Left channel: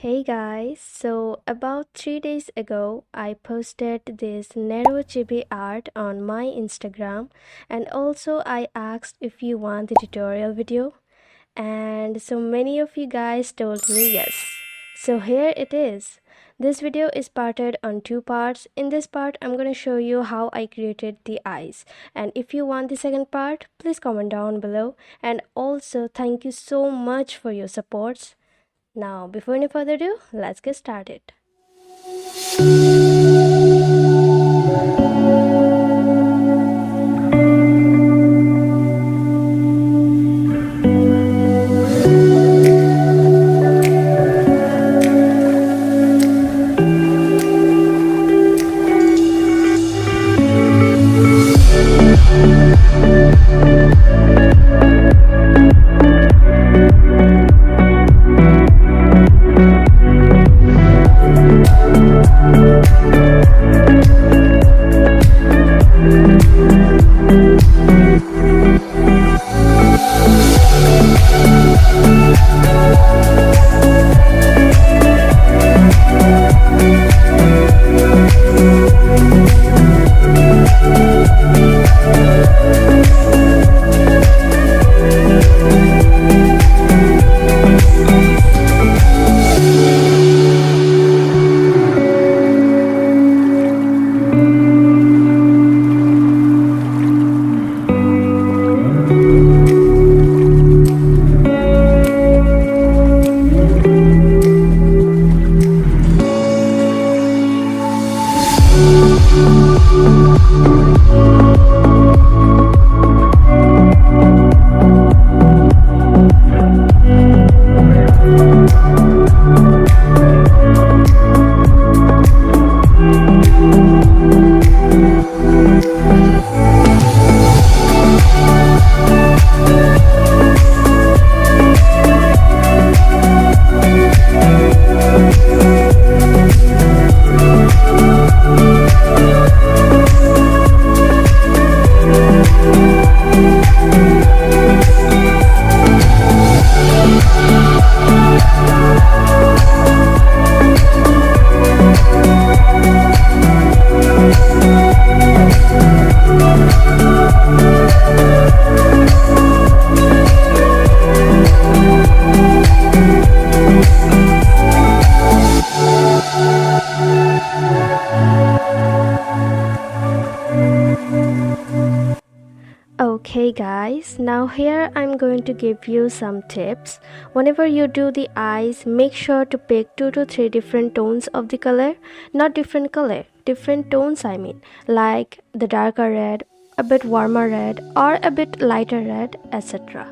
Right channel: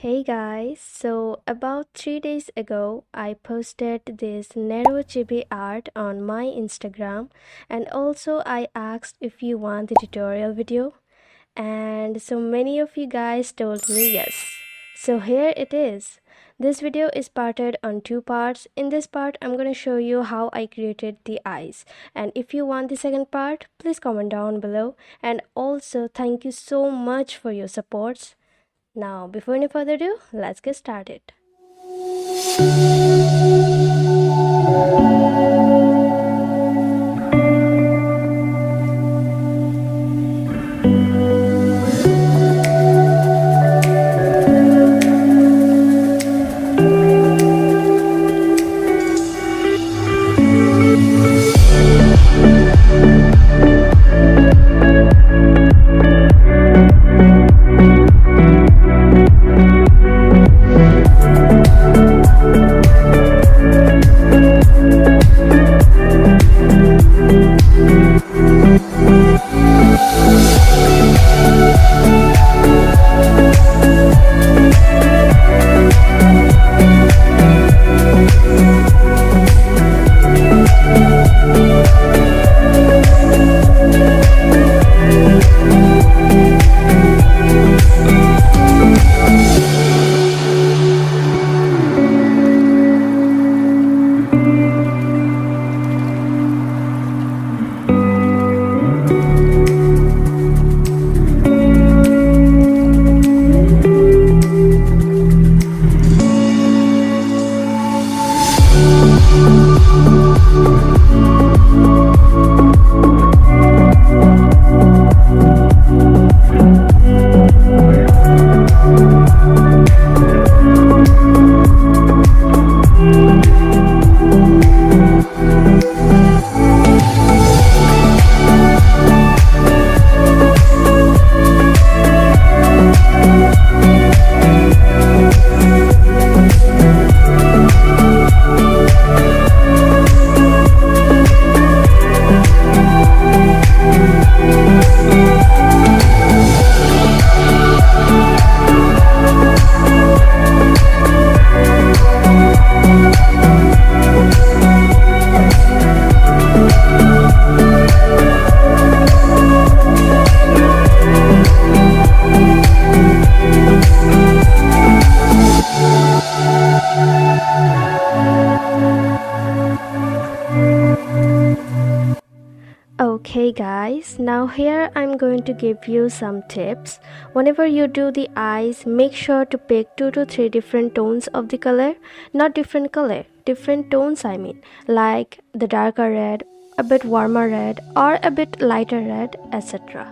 Hey guys, so about 3 days ago, I posted this Nero chibi art on my Instagram, and also I asked if you want the tutorial video, and so many of you guys told me yes. So here it is. This video is parted on two parts. In this part, I'm going to show you how I created the eyes. And if you want the second part, please comment down below. And also, thank you so much for your supports. Now, before any further ado, let's get started. Okay guys, now here I'm going to give you some tips. Whenever you do the eyes, make sure to pick 2 to 3 different tones of the color. Not different color, different tones I mean. Like the darker red, a bit warmer red, or a bit lighter red, etc.